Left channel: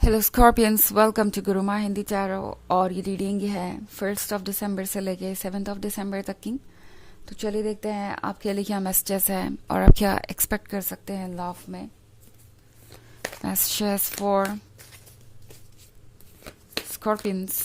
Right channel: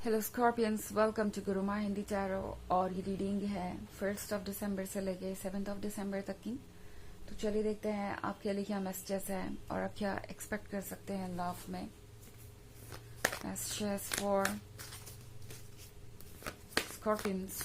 Hello scorpions, welcome to Gurumaa Hindi tarot. और ये reading है 1 दिसंबर से लेके 7 दिसंबर तक की। तो चलिए देखते हैं आपके लिए क्या मैसेजेस है और आप क्या एक्सपेक्ट कर सकते हैं लव में। Messages for Scorpions.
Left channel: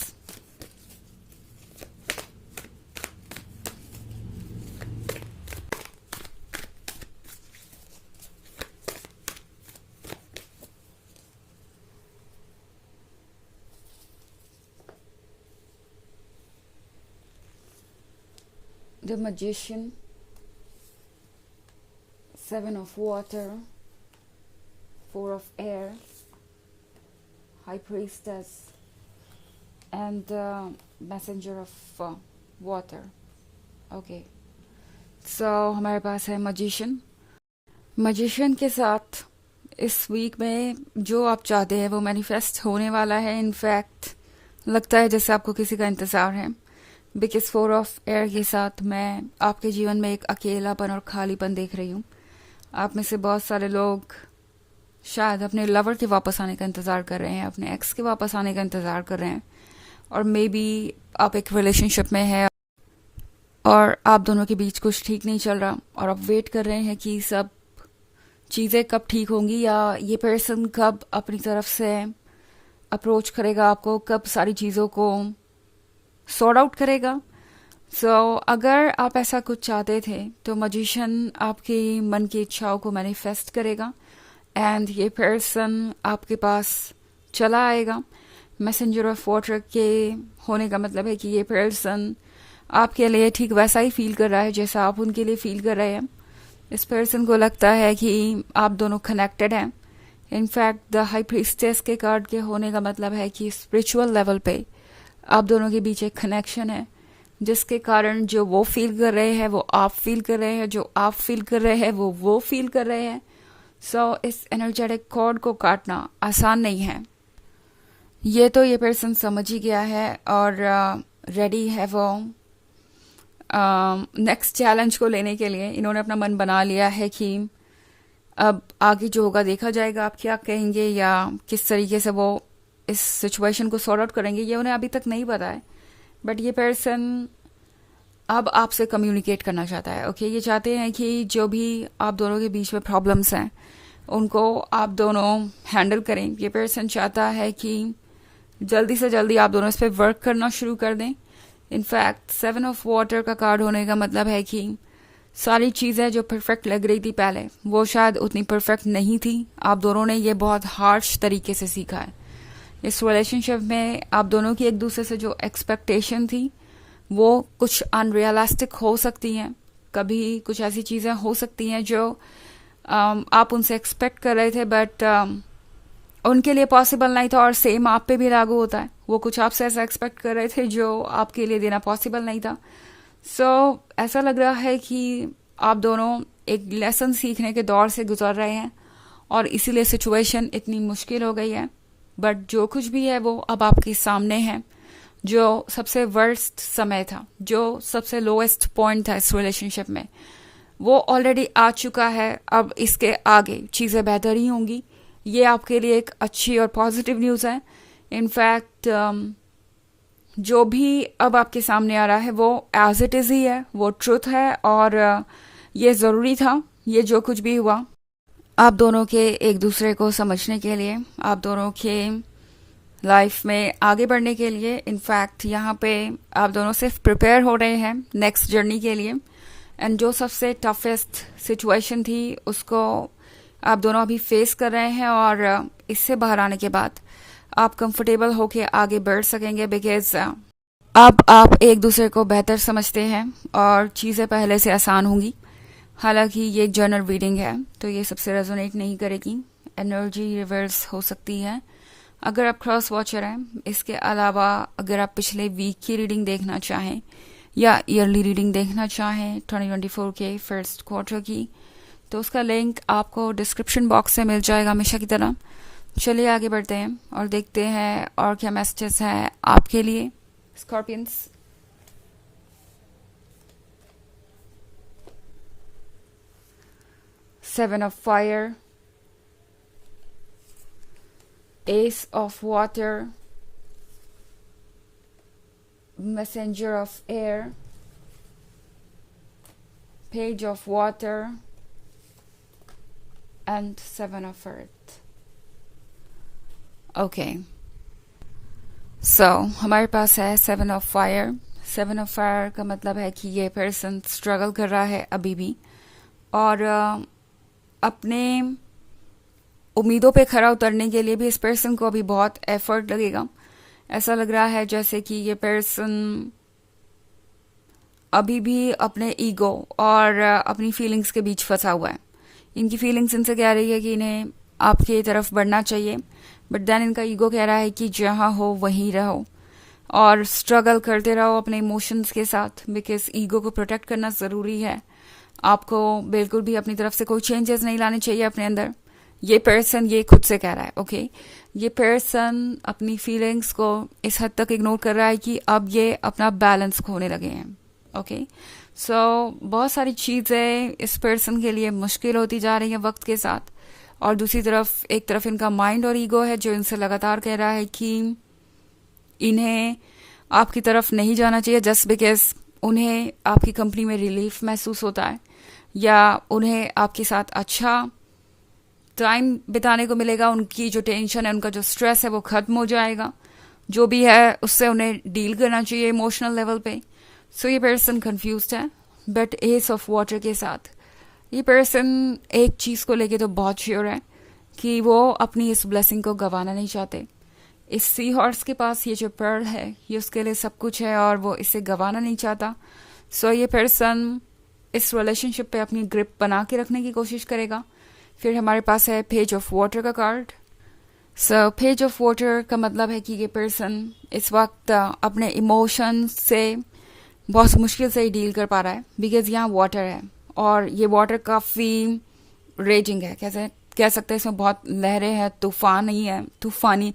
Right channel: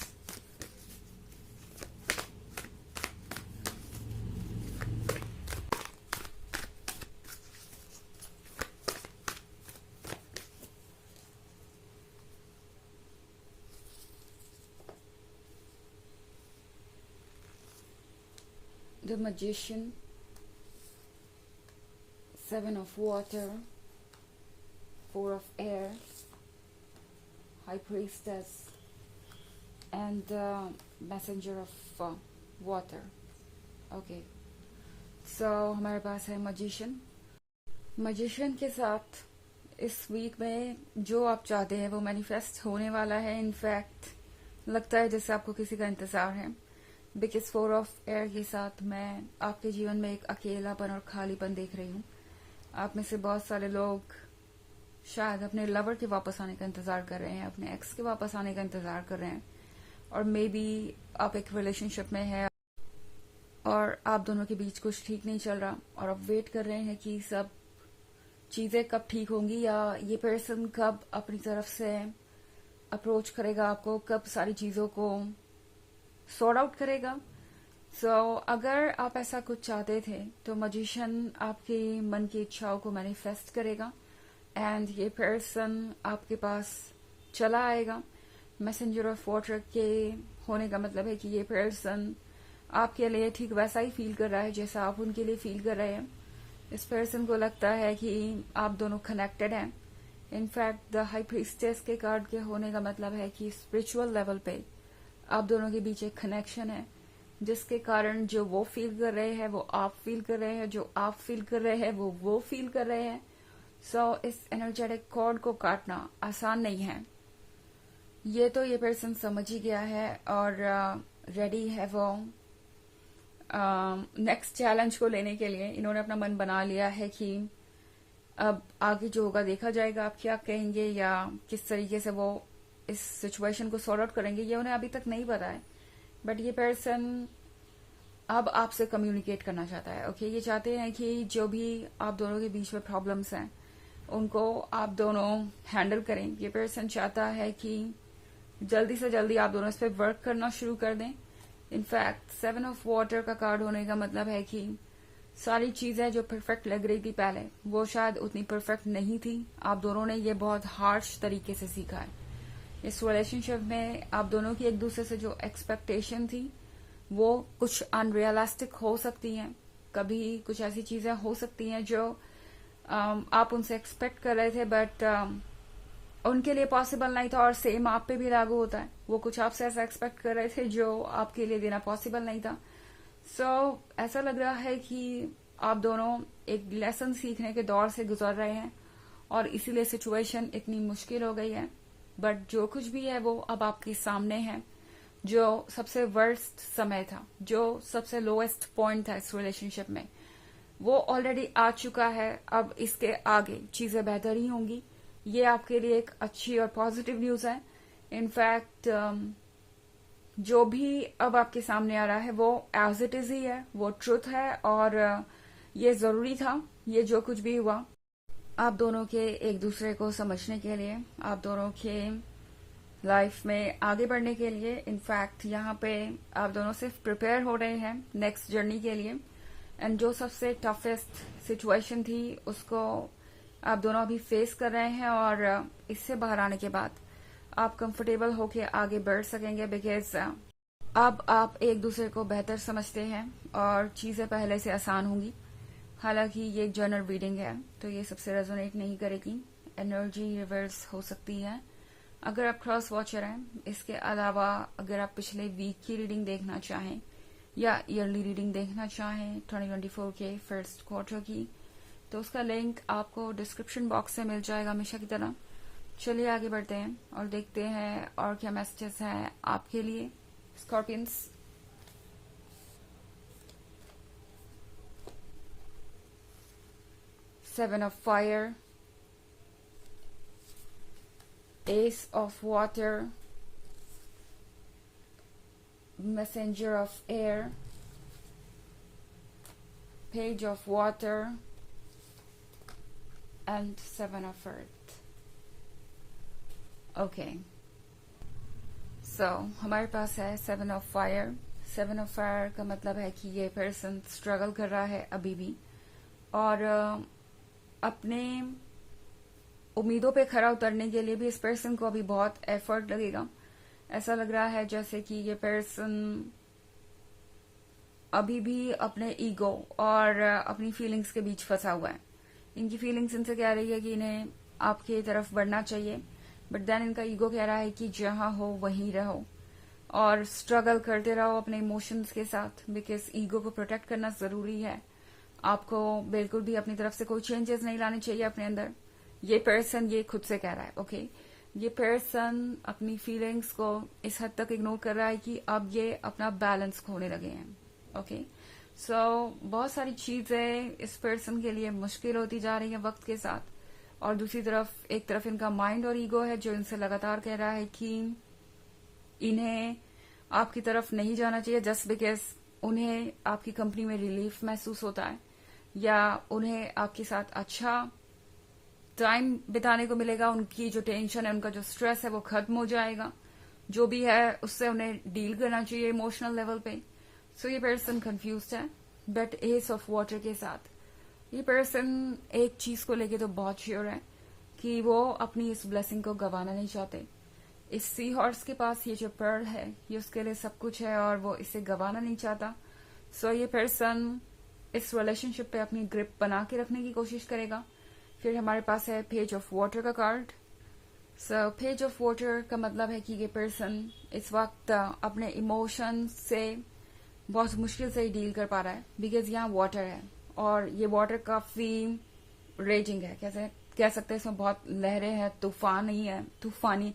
The magician, 7 of water, 4 of air, high priestess and the messenger of water. Okay, so हमारे पास है मैजिशियन। मैजिशियन के साथ इस वीक में जो आप चाहते हैं वो मैनिफेस्ट होने वाला है। इनफैक्ट लगता है जैसे आपको किसी का इंतज़ार है, बिकॉज 4 of air के साथ मैं आपके जीवन में एक अकेलापन और खालीपन देख रही हूँ। आप में से बहुत सारे लोग शायद अपने लवर के वापस आने का इंतज़ार कर रहे हैं, अपने एक्स के वापस आने का इंतज़ार कर रहे हैं, और मे बी आप एक रिलेशनशिप में है और आप दोनों के बीच कुछ ठीक नहीं चल रहा और आप वेट कर रहे हैं कि सब चीज़ें कब ठीक होंगी या ये पर्सन कब अपनी तरफ से अप्रोच करेगा आपको, कब सारी चीज़ों को सॉर्ट आउट करेगा। अगर आप ऐसा कुछ चाहते थे तो मैजिशियन आपकी मन की इच्छाओं को मैनिफेस्ट करेगा एंड ये पर्सन आपके पास चला आएगा। मैसेंजर ऑफ वाटर के होने का मतलब है कि ये पर्सन आपके लिए ठीक वैसा ही फील कर रहा है जैसा आप उनके लिए फील कर रहे हैं। इस पर्सन को लगता है कि आप दोनों कनेक्टेड हैं। इनफैक्ट द हाई प्रीस्टेस के कार्ड के होने का मतलब है कि स्पिरिचुअल लेवल पे आप दोनों के बीच एक कनेक्शन है, जिसके कारण जो वो फील कर रहे हैं वो आप फील कर रहे हैं, जो आप फील कर रहे हैं वो फील कर रहे हैं। इस एनर्जेटिक कॉर्ड को काटना आसान नहीं है। ये तो ये पर्सन समझ ही गया है और रेडी है वो नेक्स्ट चैलेंज को लेने के लिए। इन्होंने अपना मन बना लिया है कि अब आगे जो होगा देखा जाएगा, आप क्या कहेंगे या किस तरीके से वो इस सिचुएशन को सॉर्ट आउट करेंगे ये उन्हें अभी तक नहीं पता है। बट ये पर्सन अब आपसे कम्युनिकेट करना चाहता है। ओके, ये चाहते हैं कि जो भी आप दोनों के बीच में प्रॉब्लम्स हैं उनको आप दोनों हैंडल करें। ये पर्सन चाहता है कि जल्दी से जल्दी आप दोनों इस पर वर्क करना शुरू कर दें। इनफैक्ट 7 of water का कार्ड होने का मतलब है कि सारी चीज़ें जो परफेक्ट लग रही थी पहले वो शायद उतनी परफेक्ट नहीं थी। आप दोनों ने ये बहुत हार्श तरीके से सीखा है। इस रिलेशनशिप में आप दोनों की एक दूसरे से जो एक्सपेक्टेशन थी वो कुछ अनरियलिस्टिक हो सकती हैं। कभी कुछ ऐसी चीज़ें हो सकती हैं जो आप उनसे एक्सपेक्ट कर रहे थे बट उनके लिए पॉसिबल नहीं था, और सेम आप पे भी लागू होता है। वो कुछ आपसे ऐसा एक्सपेक्ट कर रहे थे जो आपके लिए देना पॉसिबल नहीं था। ऐसा लग रहा है कि आप दोनों एक लेसन सीखने के दौर से गुजर रहे हैं और इसीलिए सिचुएशन इतनी मुश्किल हो गई है। बट जो कुछ भी है वो अब आपके सामने है। जो सबसे वर्स्ट समय था, जो सबसे लोएस्ट पॉइंट था इस रिलेशनशिप में, वो ऑलरेडी आ चुका है। अब इसके आगे चीज़ें बेहतर ही होंगी। ये आपके लिए एक अच्छी और पॉजिटिव न्यूज़ है। इनफैक्ट जो भी अब आपके सामने आ रहा है वो एज इट इज़ ही है, वो ट्रुथ है और ये ज़रूरी था। ये जो कुछ भी हुआ आप दोनों के एक दूसरे को समझने के लिए, आप दोनों के लाइफ में आगे बढ़ने के लिए। इनफैक्ट यहाँ पे आप दोनों सिर्फ प्रिपेयर हो रहे हैं नेक्स्ट जर्नी के लिए। एंड जो सबसे टफेस्ट सिचुएशन थी उसको आप दोनों अभी फेस कर रहे हैं और इससे बाहर आने के बाद आप कंफर्टेबल होके आगे बढ़ सकेंगे, बिकॉज अब आप एक दूसरे को बेहतर समझते हैं और चीज़ें पहले से आसान होंगी। हालांकि ये एक जर्नल रीडिंग है तो ये सबसे रेजोनेट नहीं करेगी, एनर्जी रिवर्स हो सकती है अगर आप क्रॉस वॉचर हैं। इसके अलावा अगर आप पिछले वीक की रीडिंग देखना चाहें या ईयरली रीडिंग देखना चाहें 2024 के फर्स्ट क्वार्टर की, तो उसका लिंक आपको डिस्क्रिप्शन बॉक्स से मिल जाएगा हमेशा की तरह। चलिए आगे बढ़ते हैं और देखते हैं और क्या मैसेजेस हैं आपके लिए Scorpions. Seven of fire, Ace of Water, Messenger of Air, Page of Water, and Seven of Earth. Okay. So हमारे पास है seven of fire. Seven of fire का मतलब है कि ये पर्सन स्ट्रगल कर रहा है अभी भी, और अपने उम्मीदों पे खरा उतरने के लिए भी इस पर्सन को अभी बहुत एफर्ट लगेगा. ऐसा लग रहा है जैसे कि ये पर्सन अभी भी अपने ईगो और अपनी फीलिंग्स के बीच फंसा हुआ है. इनकी फीलिंग्स इनसे कह रही है कि इन्हें आपकी तरफ बढ़ना चाहिए, बट देन इनका ईगो कह रहा है कि जहाँ हो वहीं रहो और स्ट्रगल करते रहो अपने इमोशंस के साथ, बिकॉज ईगो को प्रोटेक्ट करना ज़रूरी है. आपको बिल्कुल भी अपनी तरफ से कोई चेंजेस नहीं लाने चाहिए अपने अंदर. ये पर्सन ये खुद से कह रहा है. ओके ये पर्सन अपनी फीलिंग्स को इस हद तक इग्नोर कर रहा है कि अब ये अपना बैलेंस खोने लगे हैं. ओके सो बहुत सारी चीज़ें इस पर्सन के लिए मुश्किल होती जा रही हैं वक्त के साथ, और दूसरी तरफ एक तरफ इनका माइंड और ईगो है जो इनसे लगातार कह रहा है कि इन्हें आपकी तरफ नहीं जाना चाहिए जस्ट बिकॉज उन्हें आपकी कंपनी में रिलीफ महसूस होता है, या उन्हें आपके साथ अच्छा टाइम बिताने को मिलेगा. उनकी जो टेंशन है, उनका जो स्ट्रेस है वो ख़त्म हो जाएगा. जो भी है उससे उन्हें डील करना चाहिए इमोशनल लेवल पे. सो ये पर्सन कंफ्यूज्ड है. बट एस ऑफ वाटर के साथ ये पर्सन एक चीज़ को लेके तो बहुत श्योर है कि वो अपनी इस ब्लेसिंग को गंवाना नहीं चाहते. इस सी हॉर्स के पास ये जो पर्ल है ये उसके लिए सब कुछ है और वो इसे गंवाना नहीं चाहता. सो ये पर्सन इस रिलेशनशिप पे अपनी ग्रिप बना के रखने की कोशिश करेगा. फिर हमारे पास है पेज ऑफ वाटर का card. So page of water का मतलब है कि ये पर्सन इस वक्त अपने इमोशन से बहुत मुश्किल से ही डील कर पा रहा है, बिकॉज यहाँ वाटर है और ये वाटर काफ़ी रेजिंग है. कैसे कह सकते हैं, इसमें बहुत लहरें हैं, तूफान ही है, तूफानी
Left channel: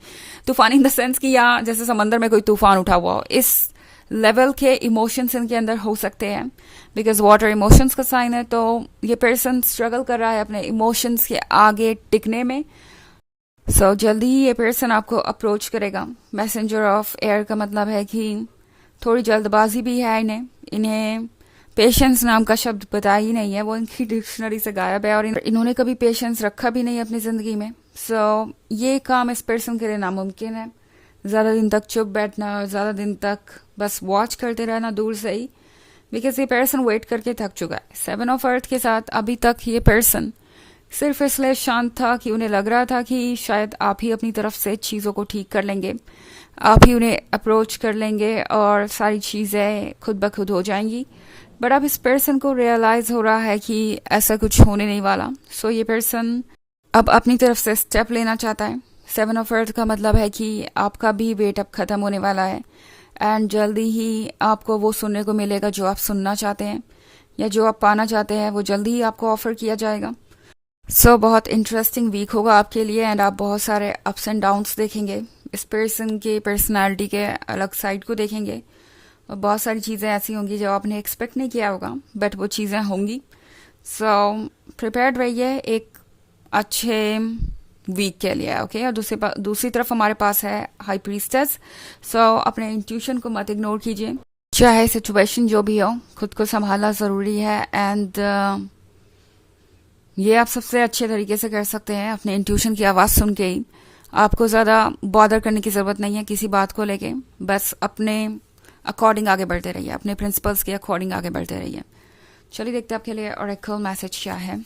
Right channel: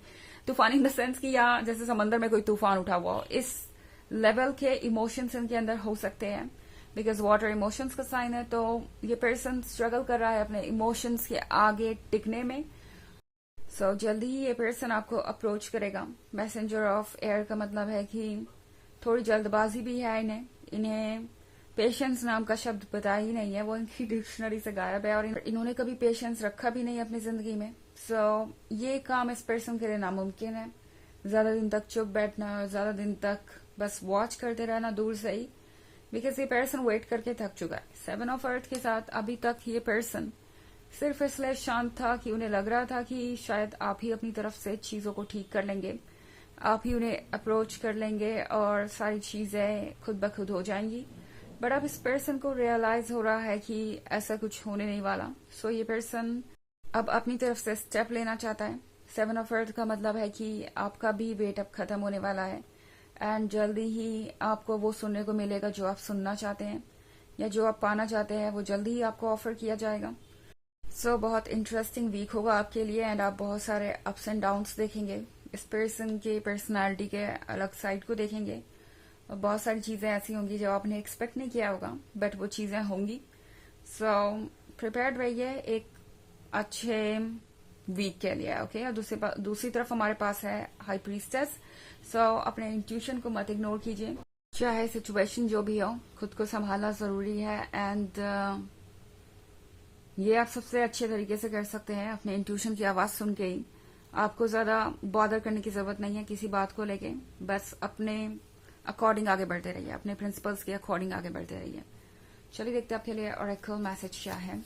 इन द सेंस कि यहाँ जैसे समंदर में कोई तूफान उठा हुआ हो. इस लेवल के इमोशंस इनके अंदर हो सकते हैं, बिकॉज वाटर इमोशंस का साइन है. तो ये पर्सन स्ट्रगल कर रहा है अपने इमोशंस के आगे टिकने में. सो जल्दी ही ये पर्सन आपको अप्रोच करेगा. मैसेंजर ऑफ एयर का मतलब है कि थोड़ी जल्दबाजी भी है इन्हें पेशेंस नाम का शब्द पता ही नहीं है, वो इनकी डिक्शनरी से गायब है, और इन्होंने कभी पेशेंस रखा भी नहीं अपनी ज़िंदगी में. सो ये काम इस पर्सन के लिए नामुमकिन है. ज़्यादा दिन तक चुप बैठना, ज़्यादा दिन तक बस वॉच करते रहना दूर से ही, बिकॉज ये पर्सन वेट करके थक चुका है. सेवन ऑफ अर्थ के साथ अभी तक ये पर्सन सिर्फ इसलिए शांत था कि उन्हें लग रहा था कि शायद आप ही अपनी तरफ से चीज़ों को ठीक कर लेंगे, आप ही उन्हें अप्रोच कर लेंगे और सारी चीज़ें खुद ब खुद हो जाएंगी. बट अब इस पर्सन को रियलाइज़ हो रहा है कि ऐसा कुछ होने नहीं वाला. सो ये पर्सन अब अपनी तरफ से स्टेप लेना चाहता है. सेवन ऑफ अर्थ का मतलब है कि आपका भी वेट अब ख़त्म होने वाला है, एंड जल्दी ही आपको वो सुनने को मिलेगा जो आप सुनना चाहते हैं, या जो आप पाना चाहते हैं वो जल्दी ही आपको ऑफर किया जाएगा. सो बहुत इंटरेस्टिंग वीक होगा आपके लिए, एंड आप बहुत सारे अप्स एंड डाउन्स देखेंगे. इस पर्सन के पर्सनालिटी के अलग साइड को देखेंगे, और बहुत सारी चीज़ें ऐसी होंगी जो आपने एक्सपेक्ट नहीं किया होगा, बट वो चीज़ें होंगी. सो प्रिपेयर्ड रहिए एक अच्छे वीक के लिए. ओके और दूसरी तरफ हमारे पास है हाई प्रीस्टेस. सो अपने इंट्यूशन को मत इग्नोर कीजिए, चाहे सिचुएशन जो भी हो, खुद को संभालना ज़रूरी है. एंड ये आप सबसे अच्छे तरीके से कर सकते हैं अपने इंट्यूशन की आवाज़ सुन के ही. आपको ज़्यादा बॉदर करने की ज़रूरत नहीं है किसी बात को लेके, बस अपने अकॉर्डिंग आगे बढ़ते रहिए, अपने प्रिंसिपल्स के अकॉर्डिंग आगे बढ़ते रहिए. चलिए देखते हैं आपके लिए ऑरेकल मैसेज क्या है.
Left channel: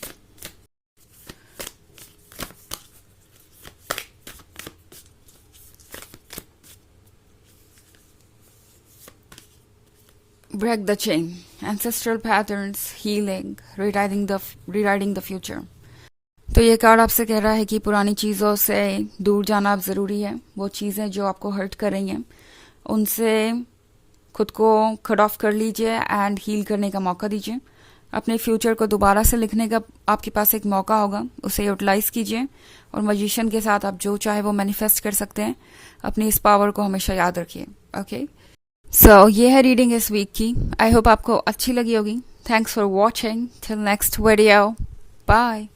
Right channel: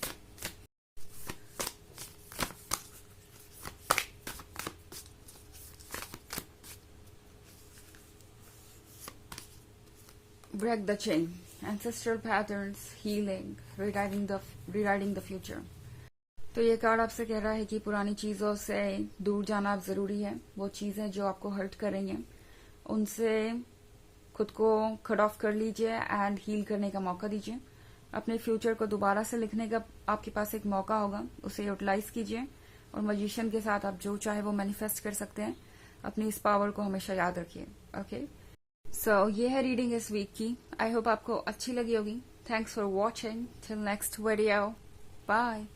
Break the chain, ancestral patterns, healing, rewriting the future. तो ये कार्ड आपसे कह रहा है कि पुरानी चीज़ों से दूर जाना अब ज़रूरी है. वो चीज़ें जो आपको हर्ट कर रही हैं उनसे खुद को कट ऑफ कर लीजिए एंड हील करने का मौका दीजिए. अपने फ्यूचर को दोबारा से लिखने का आपके पास एक मौका होगा, उसे यूटिलाइज़ कीजिए, और मैजिशियन के साथ आप जो चाहे वो मैनिफेस्ट कर सकते हैं. अपनी इस पावर को हमेशा याद रखिए. ओके सो ये है रीडिंग इस वीक की. आई होप आपको अच्छी लगी होगी. Thanks for watching. Till next video. Bye.